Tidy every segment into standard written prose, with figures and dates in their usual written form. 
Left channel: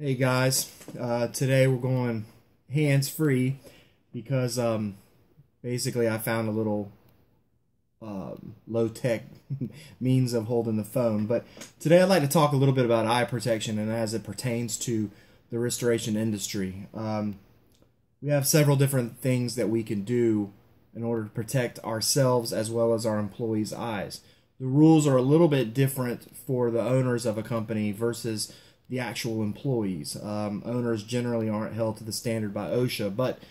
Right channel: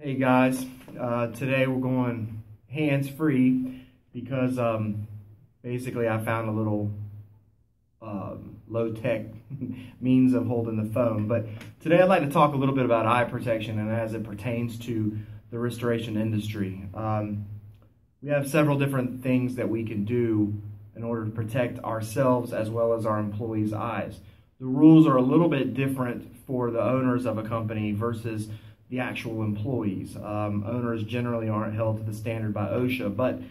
Hey guys, today we're going hands-free because basically I found a little low-tech means of holding the phone. But today I'd like to talk a little bit about eye protection and as it pertains to the restoration industry. We have several different things that we can do in order to protect ourselves as well as our employees' eyes. The rules are a little bit different for the owners of a company versus the actual employees. Owners generally aren't held to the standard by OSHA, but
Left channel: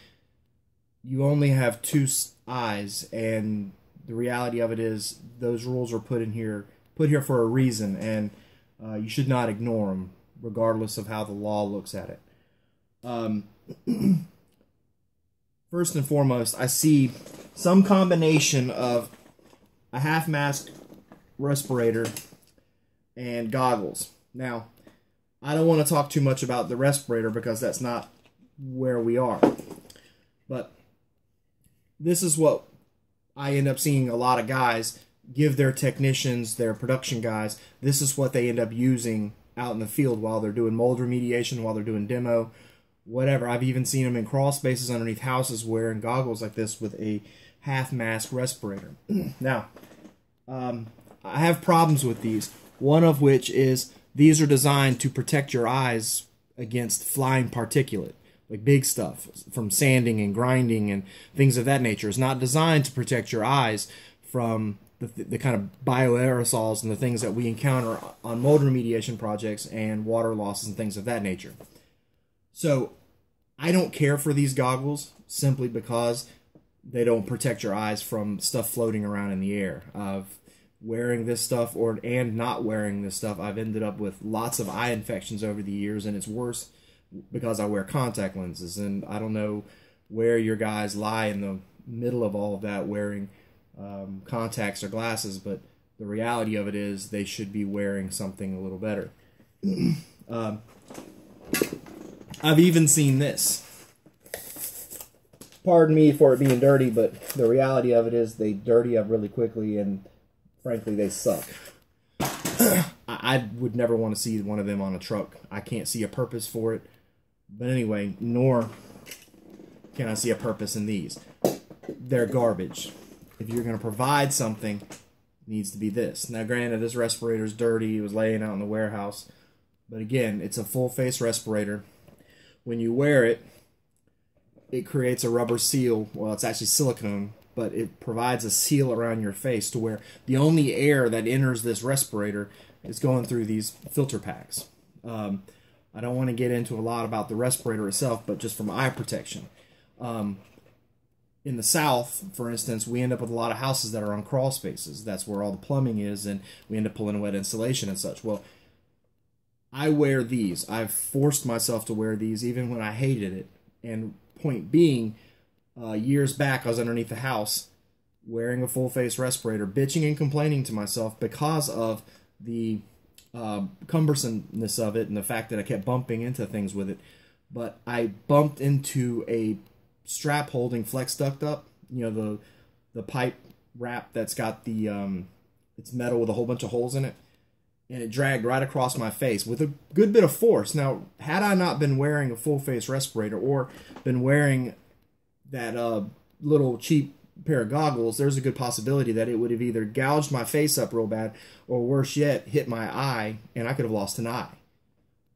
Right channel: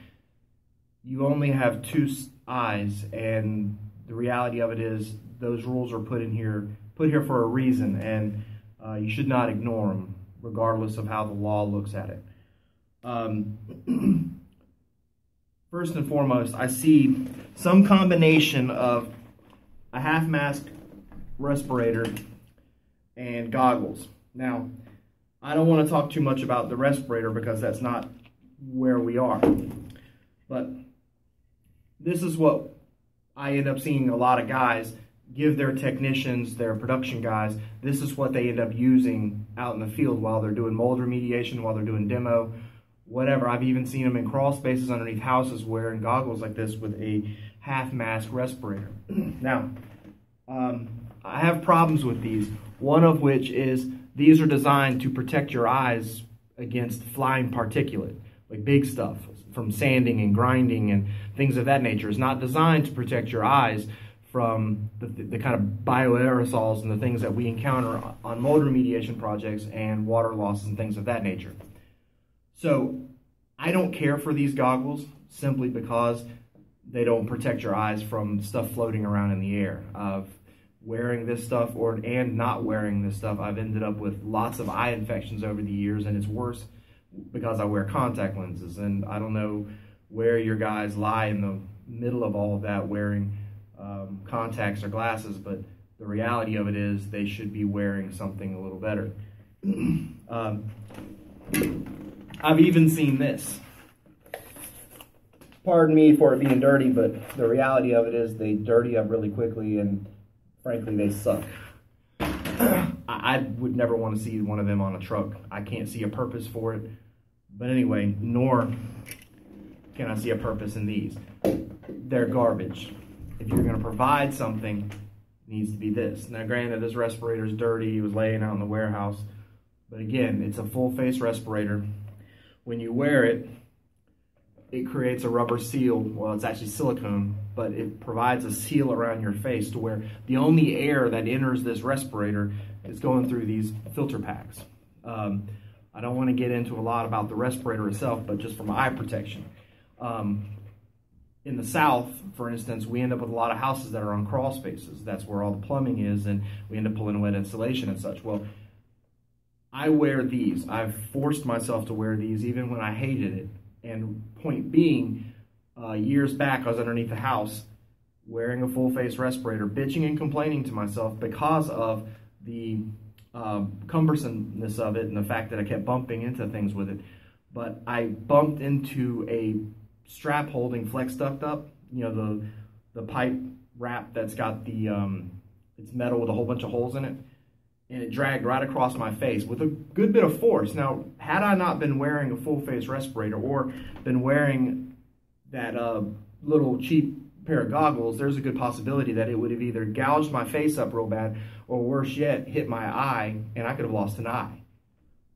you only have two eyes, and the reality of it is those rules are put here for a reason, and you should not ignore them, regardless of how the law looks at it. First and foremost, I see some combination of a half-mask respirator and goggles. Now, I don't want to talk too much about the respirator because that's not where we are. But this is what I end up seeing a lot of guys give their technicians, their production guys. This is what they end up using out in the field while they're doing mold remediation, while they're doing demo, whatever. I've even seen them in crawl spaces underneath houses wearing goggles like this with a half-mask respirator. Now, I have problems with these, one of which is these are designed to protect your eyes against flying particulate, like big stuff from sanding and grinding and things of that nature. It's not designed to protect your eyes from the kind of bioaerosols and the things that we encounter on mold remediation projects and water losses and things of that nature. So I don't care for these goggles simply because they don't protect your eyes from stuff floating around in the air. Wearing this stuff and not wearing this stuff, I've ended up with lots of eye infections over the years, and it's worse because I wear contact lenses. And I don't know where your guys lie in the middle of all of that wearing contacts or glasses, but the reality of it is they should be wearing something a little better. I've even seen this. Pardon me for it being dirty, but the reality of it is they dirty up really quickly, and frankly, they suck. I would never want to see one of them on a truck. I can't see a purpose for it. But anyway, nor can I see a purpose in these. They're garbage. If you're going to provide something, it needs to be this. Now, granted, this respirator's dirty. It was laying out in the warehouse. But again, it's a full-face respirator. When you wear it, it creates a rubber seal. Well, it's actually silicone, but it provides a seal around your face to where the only air that enters this respirator is going through these filter packs. I don't want to get into a lot about the respirator itself, but just from eye protection. In the South, for instance, we end up with a lot of houses that are on crawl spaces. That's where all the plumbing is, and we end up pulling wet insulation and such. Well, I wear these. I've forced myself to wear these even when I hated it. And point being, years back I was underneath the house wearing a full-face respirator, bitching and complaining to myself because of the cumbersomeness of it and the fact that I kept bumping into things with it. But I bumped into a strap holding flex duct up, you know, the pipe wrap that's got the, it's metal with a whole bunch of holes in it. And it dragged right across my face with a good bit of force. Now, had I not been wearing a full-face respirator or been wearing that little cheap pair of goggles, there's a good possibility that it would have either gouged my face up real bad or worse yet, hit my eye, and I could have lost an eye.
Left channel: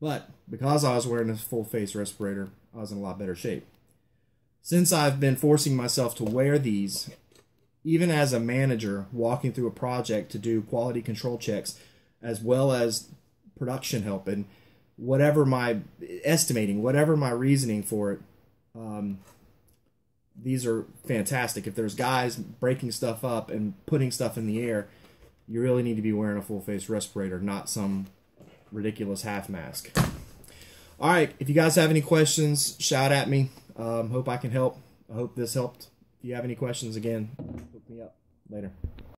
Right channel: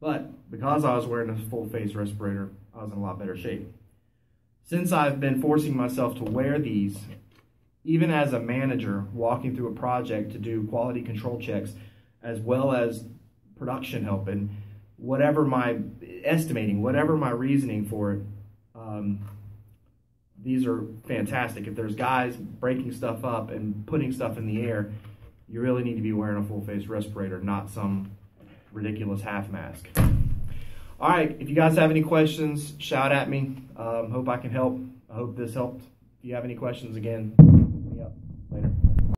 But because I was wearing a full-face respirator, I was in a lot better shape. Since I've been forcing myself to wear these, even as a manager walking through a project to do quality control checks, as well as production help and whatever my reasoning for it, these are fantastic. If there's guys breaking stuff up and putting stuff in the air, you really need to be wearing a full-face respirator, not some ridiculous half mask. All right, if you guys have any questions, shout at me. Hope I can help. I hope this helped. If you have any questions, again, look me up. Later.